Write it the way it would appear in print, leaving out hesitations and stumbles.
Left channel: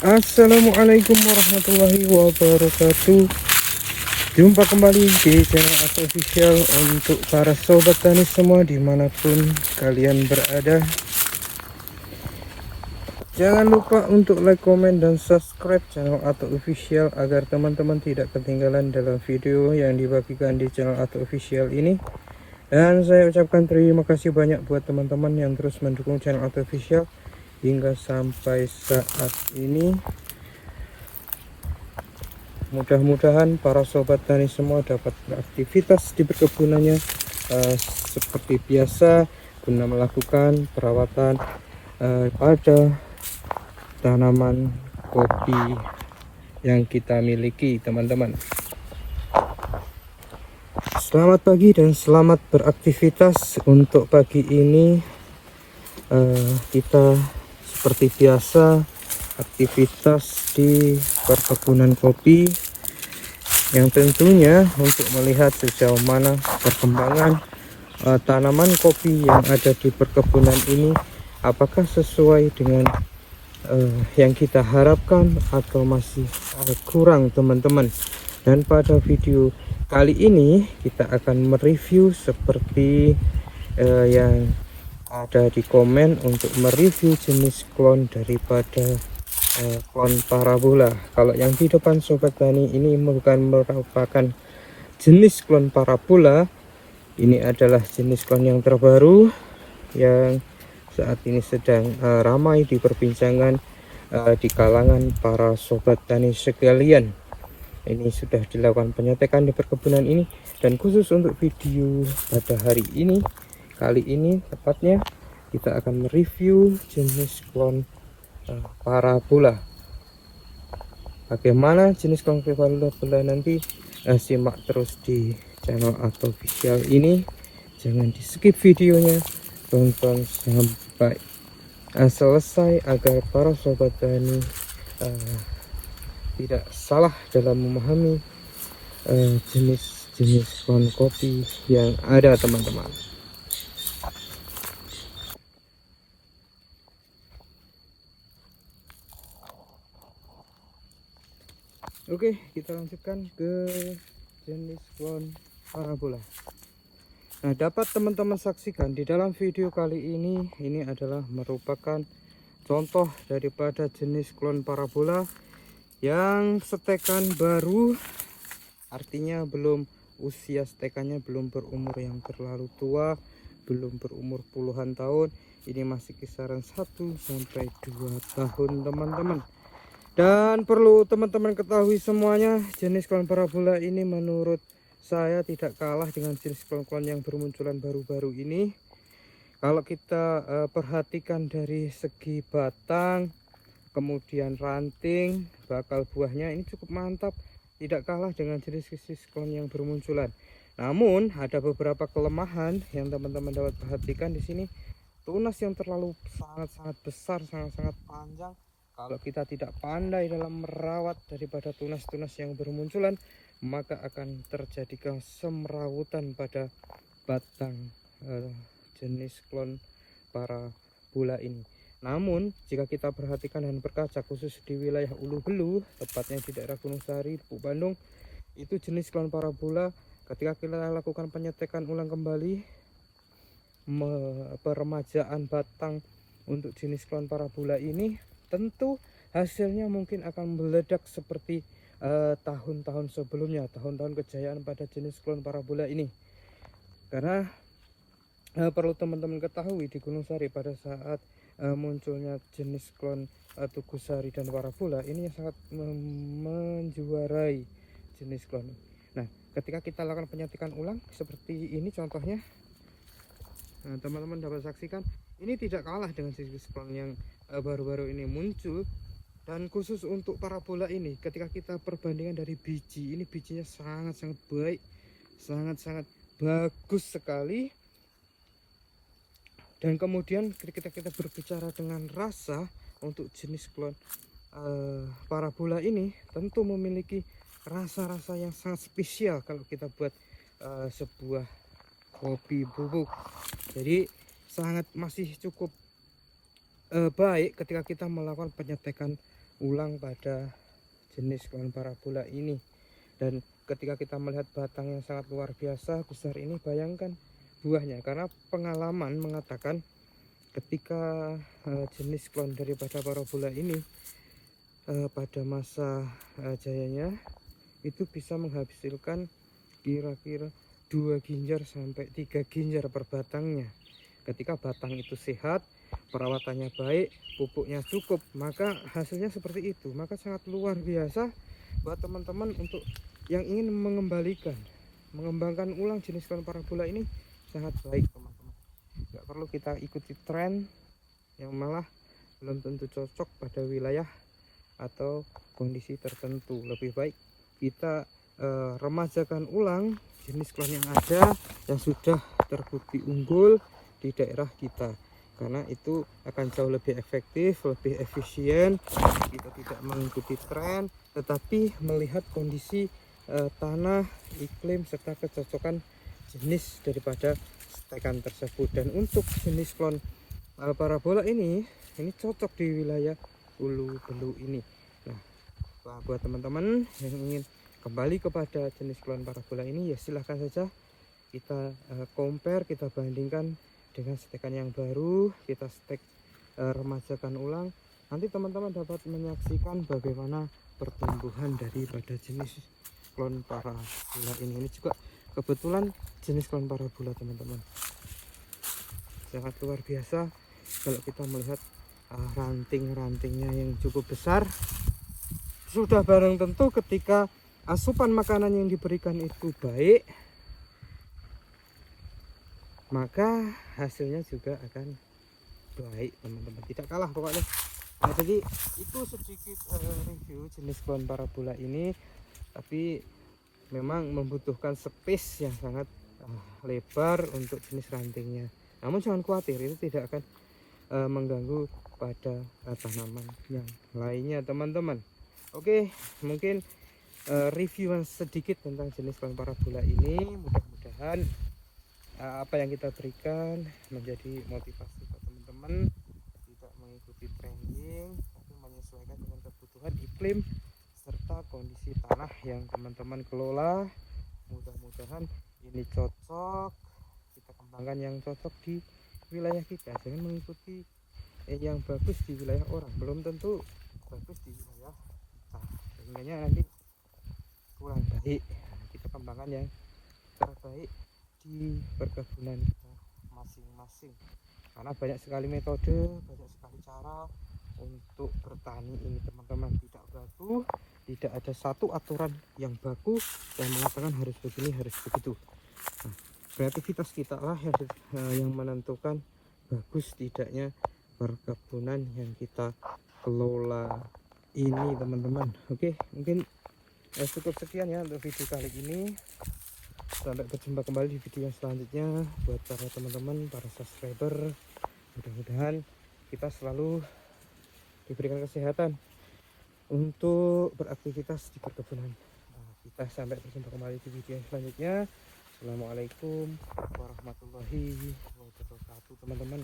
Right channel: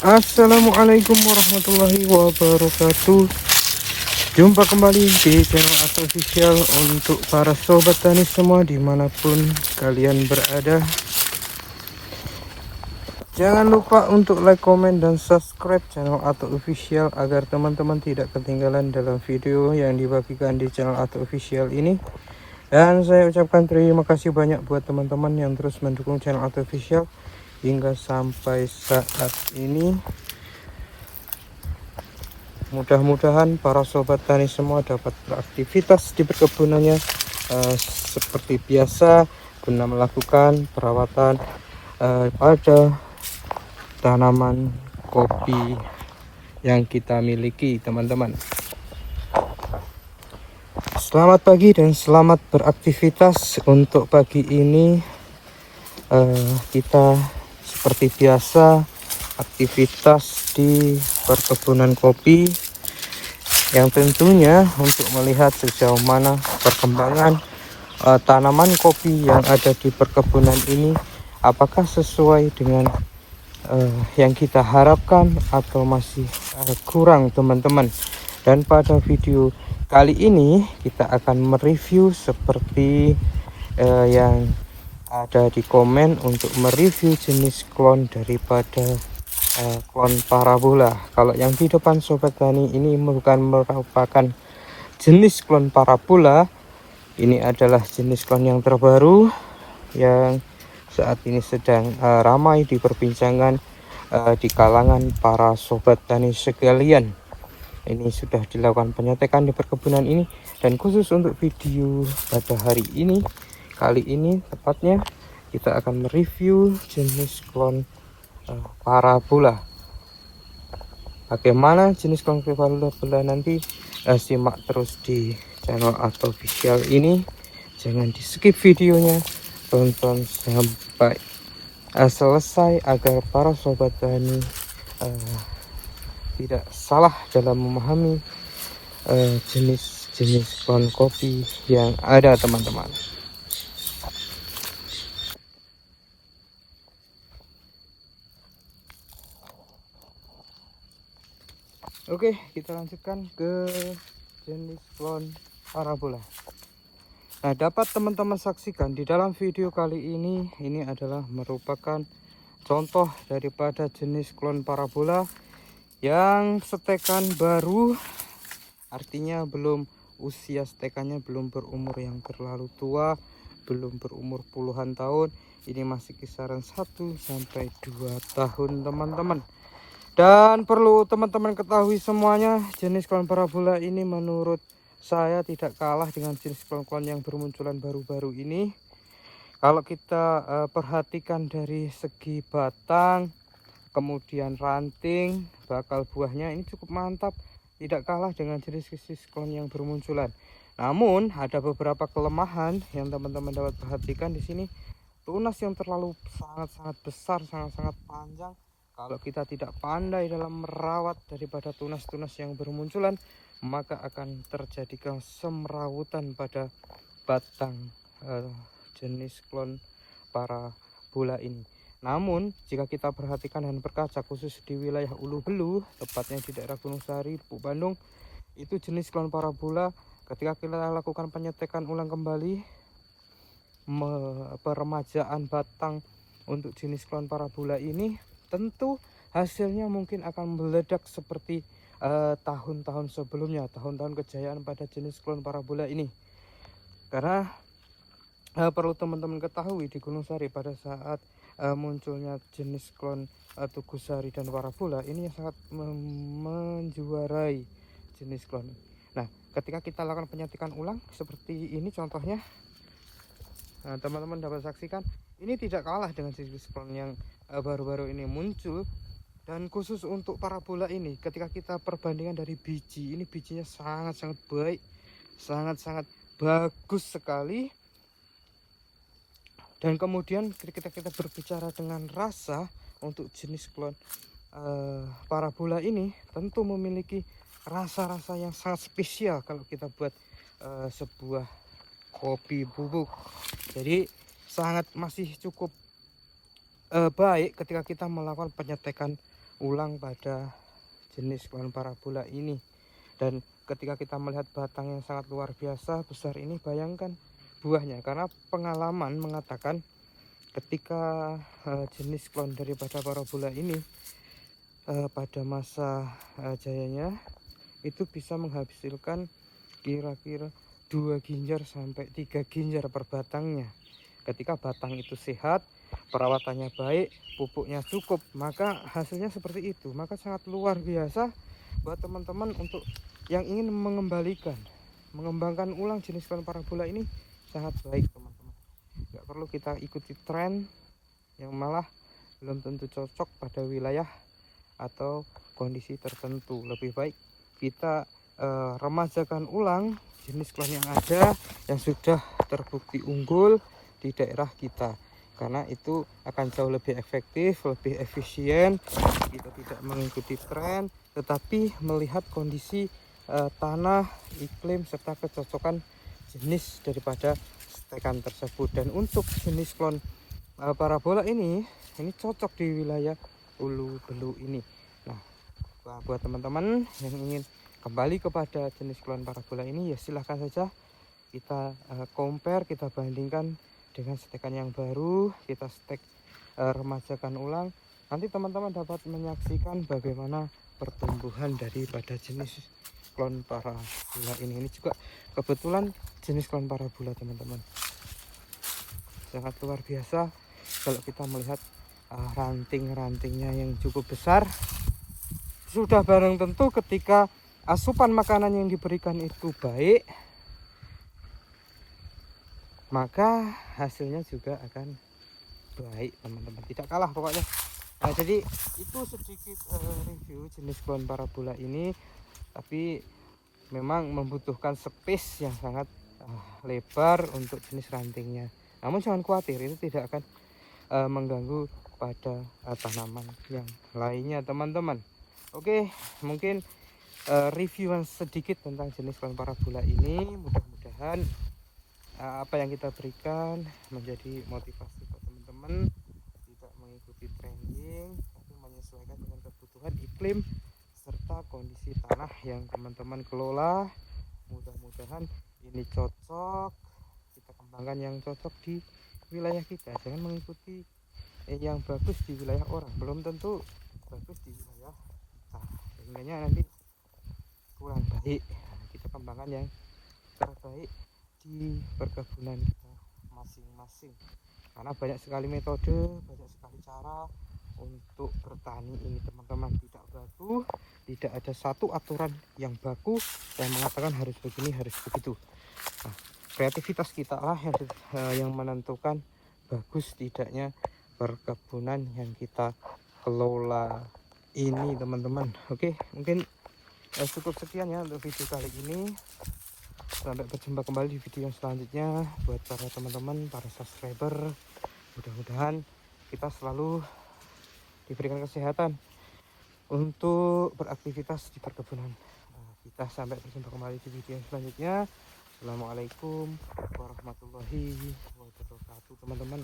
Assalamualaikum warahmatullahi wabarakatuh. Jumpa kembali di channel Ato Official untuk para sobat tani semua dimanapun kalian berada. Jangan lupa untuk like, komen, dan subscribe channel Ato Official agar teman-teman tidak ketinggalan dalam video yang dibagikan di channel Ato Official ini. Dan saya ucapkan terima kasih banyak buat teman-teman yang terus mendukung channel Ato Official hingga sampai saat ini. Mudah-mudahan para sobat tani semua dapat beraktivitas di perkebunannya seperti biasa guna melakukan perawatan pada tanaman kopi yang kita miliki, teman-teman. Selamat pagi dan selamat beraktivitas. Untuk pagi ini kita seperti biasa aktivitas di perkebunan kopi yang tentunya untuk melihat sejauh mana perkembangan tanaman kopi yang ada di perkebunan ini, apakah sesuai dengan yang kita harapkan atau masih kurang, teman-teman. Dan pada video kali ini kita akan mereview seperti yang ada di komen untuk mereview jenis klon daripada klon parabola. Kalau yang di depan sobat tani ini bukan merupakan jenis klon parabola, ini adalah jenis klon yang terbaru yang saat ini sedang ramai diperbincangan di kalangan para sobat tani sekalian. Ini sudah dilakukan penyetekan di perkebunan ini, dan khusus untuk video pada hari ini, kali ini tepatnya kita akan mereview jenis klon parabola. Bagaimana jenis klon parabola nanti simak terus di channel Ato Official ini. Jangan di skip videonya, tonton sampai selesai agar para sobat tani tidak salah dalam memahami jenis-jenis klon kopi yang ada, teman-teman. Oke, kita lanjutkan ke jenis klon parabola. Nah, dapat teman-teman saksikan di dalam video kali ini adalah merupakan contoh daripada jenis klon parabola yang setekan baru, artinya belum usia setekannya belum berumur yang terlalu tua, belum berumur puluhan tahun. Ini masih kisaran 1 sampai 2 tahun, teman-teman. Dan perlu teman-teman ketahui semuanya, jenis klon parabola ini menurut saya tidak kalah dengan jenis klon-klon yang bermunculan baru-baru ini. Kalau kita perhatikan dari segi batang, kemudian ranting, bakal buahnya ini cukup mantap, tidak kalah dengan jenis-jenis klon yang bermunculan. Namun ada beberapa kelemahan yang teman-teman dapat perhatikan di sini. Tunas yang terlalu sangat-sangat besar, sangat-sangat panjang. Kalau kita tidak pandai dalam merawat daripada tunas-tunas yang bermunculan, maka akan terjadi kesemrawutan pada batang jenis klon parabola ini. Namun jika kita perhatikan dan berkaca khusus di wilayah Ulu Belu, tepatnya di daerah Gunung Sari, Bandung, itu jenis klon parabola ketika kita lakukan penyetekan ulang kembali, peremajaan batang untuk jenis klon parabola ini, tentu hasilnya mungkin akan meledak seperti tahun-tahun sebelumnya, tahun-tahun kejayaan pada jenis klon parabola ini. Karena perlu teman-teman ketahui, di Gunung Sari pada saat munculnya jenis klon Tugusari dan parabola ini sangat menjuarai jenis klon ini. Nah, ketika kita lakukan penyetikan ulang seperti ini contohnya, teman-teman dapat saksikan ini tidak kalah dengan jenis klon yang baru-baru ini muncul. Dan khusus untuk parabola ini, ketika kita perbandingan dari biji, ini bijinya sangat-sangat baik, sangat-sangat bagus sekali. Dan kemudian ketika kita berbicara dengan rasa, untuk jenis klon parabola ini tentu memiliki rasa-rasa yang sangat spesial kalau kita buat sebuah kopi bubuk. Jadi sangat masih cukup baik ketika kita melakukan penyetekan ulang pada jenis klon parabola ini. Dan ketika kita melihat batang yang sangat luar biasa besar ini, bayangkan buahnya, karena pengalaman mengatakan ketika jenis klon daripada parabola ini pada masa jayanya itu bisa menghasilkan kira-kira 2 ginjar sampai 3 ginjar per batangnya. Ketika batang itu sehat, perawatannya baik, pupuknya cukup, maka hasilnya seperti itu. Maka sangat luar biasa buat teman-teman untuk yang ingin mengembangkan ulang jenis klon parabola ini, sangat baik teman-teman. Nggak perlu kita ikuti tren yang malah belum tentu cocok pada wilayah atau kondisi tertentu. Lebih baik kita remajakan ulang jenis klon yang ada yang sudah terbukti unggul di daerah kita, karena itu akan jauh lebih efektif, lebih efisien. Kita tidak mengikuti tren, tetapi melihat kondisi tanah, iklim, serta kecocokan jenis daripada stekan tersebut. Dan untuk jenis klon parabola ini cocok di wilayah Ulu Belu ini. Nah, buat teman-teman yang ingin kembali kepada jenis klon parabola ini, ya silahkan saja kita compare, kita bandingkan dengan stekan yang baru, kita stek remajakan ulang. Nanti teman-teman dapat menyaksikan bagaimana pertumbuhan daripada jenis klon parabola ini. Ini juga kebetulan jenis klon parabola teman-teman, sangat luar biasa kalau kita melihat ranting-rantingnya yang cukup besar. Sudah barang tentu ketika asupan makanan yang diberikan itu baik, maka hasilnya juga akan baik teman-teman, tidak kalah pokoknya. Nah, jadi itu sedikit review jenis klon parabola ini, tapi memang membutuhkan space yang sangat lebar untuk jenis rantingnya. Namun jangan khawatir, itu tidak akan mengganggu pada tanaman yang lainnya teman-teman. Oke, mungkin review sedikit tentang jenis klon parabola ini. Mudah-mudahan apa yang kita berikan menjadi motivasi buat teman-teman, tidak mengikuti trending, tapi menyesuaikan dengan kebutuhan iklim serta kondisi tanah yang teman-teman kelola. Mudah-mudahan ini cocok, kita kembangkan yang cocok di wilayah kita. Jangan mengikuti yang bagus di wilayah orang, belum tentu bagus di wilayah kita, sehingga nanti kurang baik. Kita kembangkan yang terbaik di perkebunan kita masing-masing, karena banyak sekali metode, banyak sekali cara untuk bertani ini teman-teman. Tidak baku, tidak ada satu aturan yang baku yang mengatakan harus begini, harus begitu. Nah, kreativitas kita lah yang menentukan bagus tidaknya perkebunan yang kita kelola ini teman-teman. Oke, mungkin cukup sekian ya untuk video kali ini. Sampai berjumpa kembali di video yang selanjutnya. Buat para teman-teman, para subscriber, mudah-mudahan kita selalu diberikan kesehatan untuk beraktivitas di perkebunan kita. Sampai berjumpa kembali di video yang selanjutnya. Assalamualaikum warahmatullahi wabarakatuh teman-teman.